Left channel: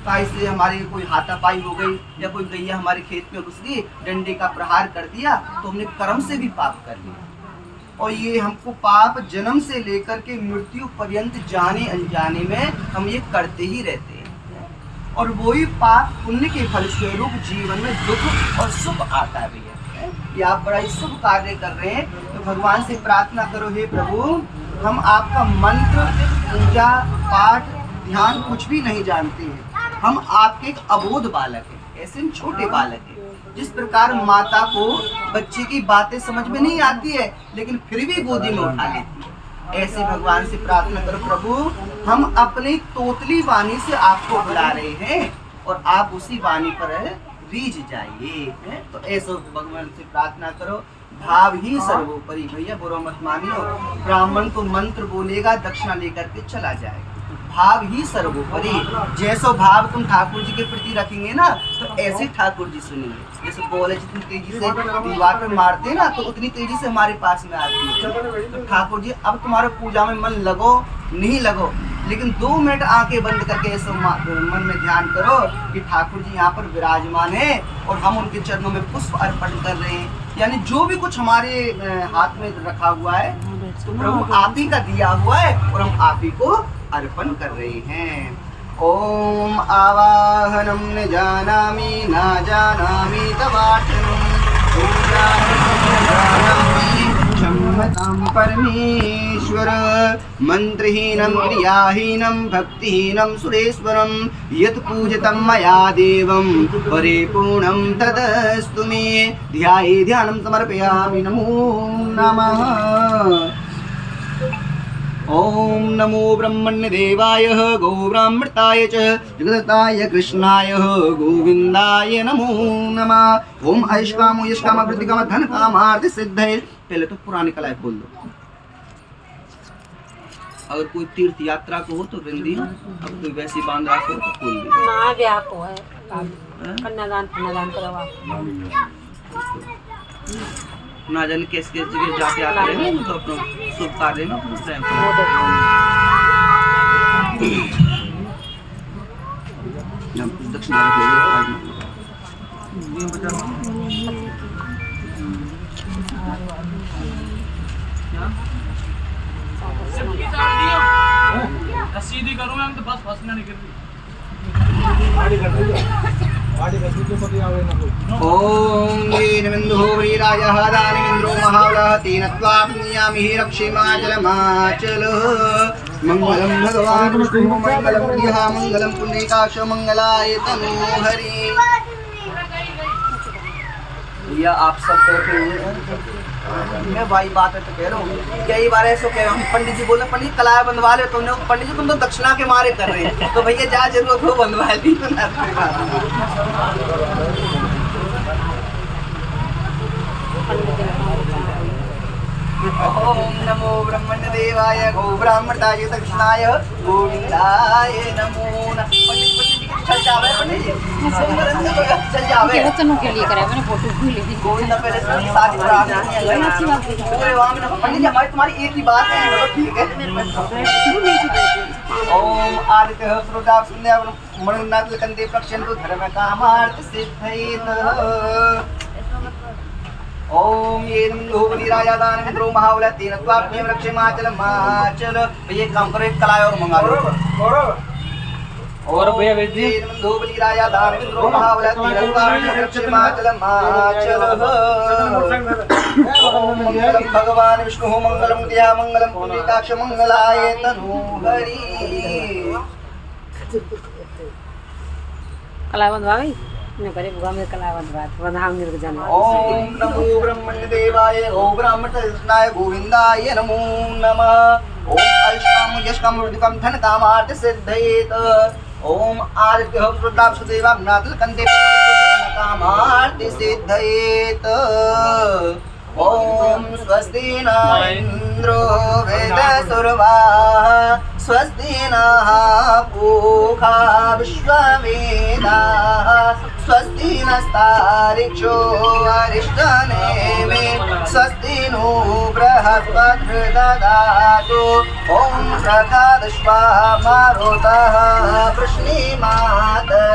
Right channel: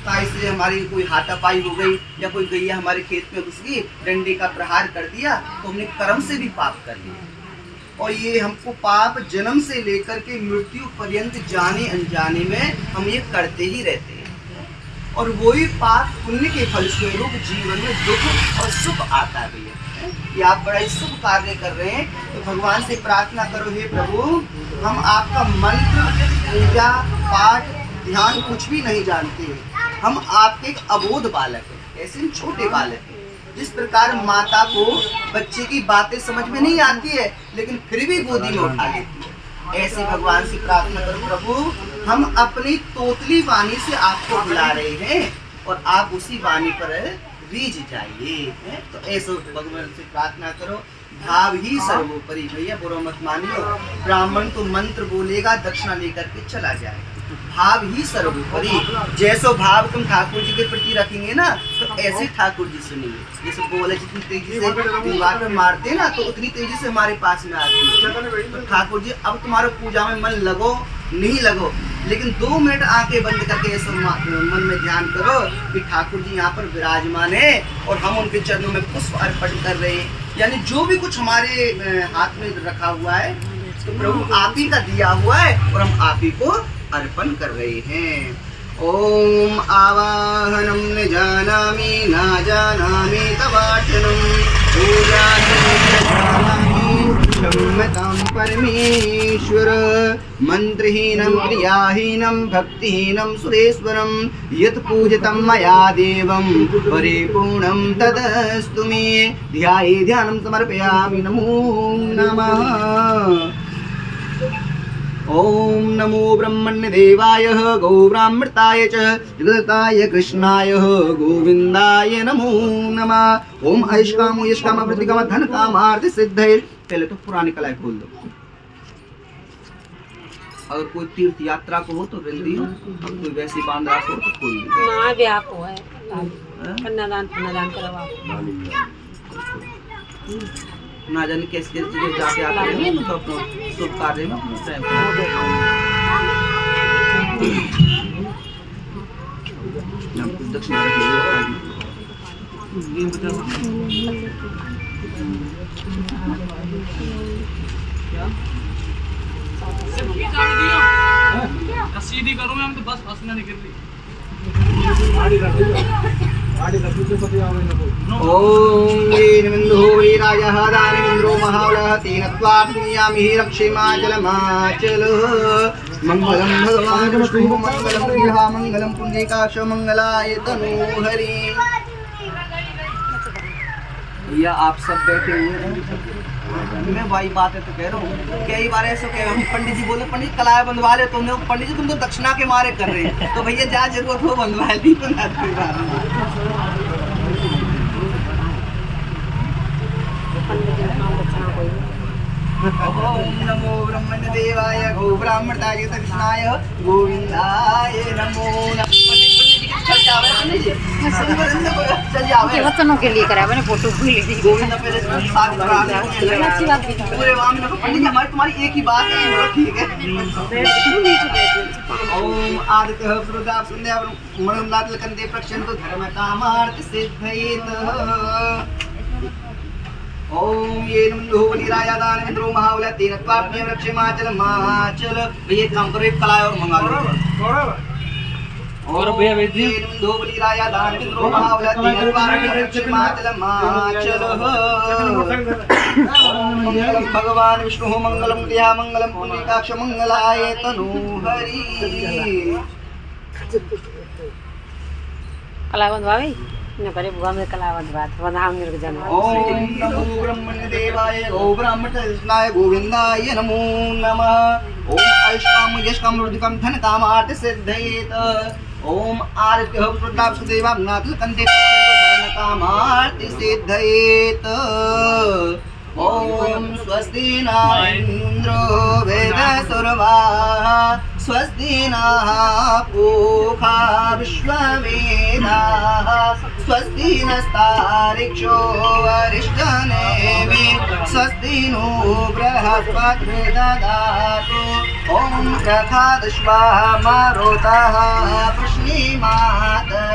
से हमारी कोई हाथापाई हो गई या कोई गैया हमारे खेत में घुस गई, डंडे का प्रहार कर दिया तो हमने कर्म से भी पाप कर लिया। और ये हमको पाप जन्म से लेकर के मृत्यु पर्यंत जाने अनजाने में हम ये करते ही रहते हैं। और वही पाप पुण्य के फलस्वरूप जीवन में दुख और सुख आता भी है। ये आप बड़ा ही शुभ कार्य कर रहे हैं, तो भगवान से प्रार्थना करो, हे प्रभु हम आपका मंत्र पूजा पाठ ध्यान कुछ भी नहीं जानते हैं, हम आपके एक अबोध बालक हैं, ऐसे छोटे बालक हैं। जिस प्रकार माता को बच्चे की बातें समझ में नहीं आती है लेकिन फिर भी गोदी में उठा लेती है, ऐसे भगवान से प्रार्थना करो, प्रभु हम अपनी तोतली वाणी से आपको बुला रहे हैं और आप उसी वाणी पर रीझ जाइए। तो ऐसे भगवान से प्रार्थना करो। भाव ही सर्वोपरि, भैया बुरा मत मानियो, ब्राह्मण तो मंत्र बोलेगा दक्षिणा लेकर के चला जाएगा, भाव ही सर्वोपरि। जैसो भाव तुम ठाकुर जी के प्रति रखेंगे ना तो ऐसे ठाकुर जी सुनेंगे। जैसे बोले जितनी तेजी से दीवार पे मारते हैं ना तो उतनी तेजी से हमारे पास में आती है। तो ठाकुर जी अब तुम्हारे पूजा में मन लगो नहीं लगो, लेकिन 2 मिनट आंखें बंद करके ऐसे मन में ध्यान करो कि ठाकुर जी यहाँ पर विराजमान है और हम उनके चरणों में पुष्प अर्पण कर रहे हैं। यानी जो भी कुछ हमारे हाथ में रखा हुआ है तो प्रभु आप ही का दिया हुआ है और हम आप ही को अर्पण कर रहे हैं। ओम आवाहनम न जानामि न जानामि तवार्चनम क्षम्यतां परमेश्वर। मंत्रहीनं क्रियाहीनं भक्तिहीनं सुरेश्वरं यत् पूजितं मया देवं परिपूर्णं तदस्तु मे। ध्याये ध्यानं समर्पयामि। नमो नमः। ओम नमो ब्रह्मण्य देवाय गौब्राह्मृताय च जगदताय कृष्णाय गोविंदाय नमो नमः। ओम ऐष्कामो यष्काम वृद्धिकाम धन कामार्थ सिद्धये। पहले तो पुरानी कलाएं खोल दो। अगर कोई तीर्थ यात्रा को हो तो रिंदी हो, अब कोई वैसी बांद्रा को हो तो खोल दी। ना भी आपको है कन्यादान करवा ना जाने किस किस जगह जाके आते हैं तो अपना शुभ कार्य में अपना टाइम कुछ दक्षिणा सीधी करूँ ना तो बस फंसना नहीं गिरती। ओम वीरमिन्दुः वीरायः दानमिन्द्रो महाबलः तेन त्वाप्नुयामि रक्षेमाचलमाचलः। मंगलम भगवान विष्णुः मंगलम प्रियः मंगलम पुण्डरीकाक्ष मंगलाय तनोहरि। भैया आप सब बैठे हुए हैं, मैं भाई बात है तो कह रहा हूँ। कई बार ऐसा कह रहा हूँ, पंडित जी बोले पंडित कलाएं बंधवा ले, तुमने पंडित जी तुम तो दक्षिणा के मारे कर रहे हैं, तो भैया जहाँ जरूरत हो बंधवा दी। ओम नमो ब्रह्मण्य देवाय गो ब्राह्मणाय कृष्णाय गोविंदाय नमो नमः। चल जावे पंडित जी, चल जावे बच्चों के लिए करा मैंने फोटो भी ले ली। गोविंदा पहले सारी अच्छी बात है। पूरे वहां में पंडित जी हमारी तुम्हारी एक ही बात है, ठीक है। ओम आदित्य श्रोता सुंदया मणिनाथ कंदे प्रक्षन्तु धर्म कामार्थ सिद्धयेत। ओम ये नमो बलिराजा दानमिन्द्रो महाबल तेन त्वाप्नुयामि रक्षेमाचलमाचल। भैया एक काम करो, एक कलाय और मंगा लो। और भैया बेटी दो बलिराजा दानमिन्द्रो महाबल तेन त्वाप्नुयामि रक्षेमाचलमाचल। ओम मंगलम भगवान विष्णुः मंगलम प्रियः मंगलम पुण्डरीकाक्ष मंगलाय तनोहरि। कला बंधवाई न करे बुआ में कला बंधाम निर्ग जन। ओम नमो ब्रह्मण्य देवाय गो ब्राह्मण कृष्णाय गोविंदाय नमो नमः। ओम ऐष्काम यष्काम वृद्धिकाम धन कामार्थ सिद्धयेत। ओम आदित्य प्रताप सुदेवा नाथ कंदे धन कामार्थ सिद्धयेत। ओम स्वस्ति न इंद्रो वेदसुरवाः स्वस्ति नः पूषा विश्ववेदाः स्वस्ति नस्तार्क्ष्यो अरिष्टनेमिः स्वस्ति नो बृहस्पतिर्दधातु। ओम प्रखाद स्वाहा मारुतः वृष्णिमात्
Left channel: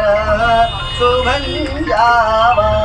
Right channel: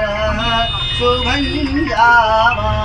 शोभन जावा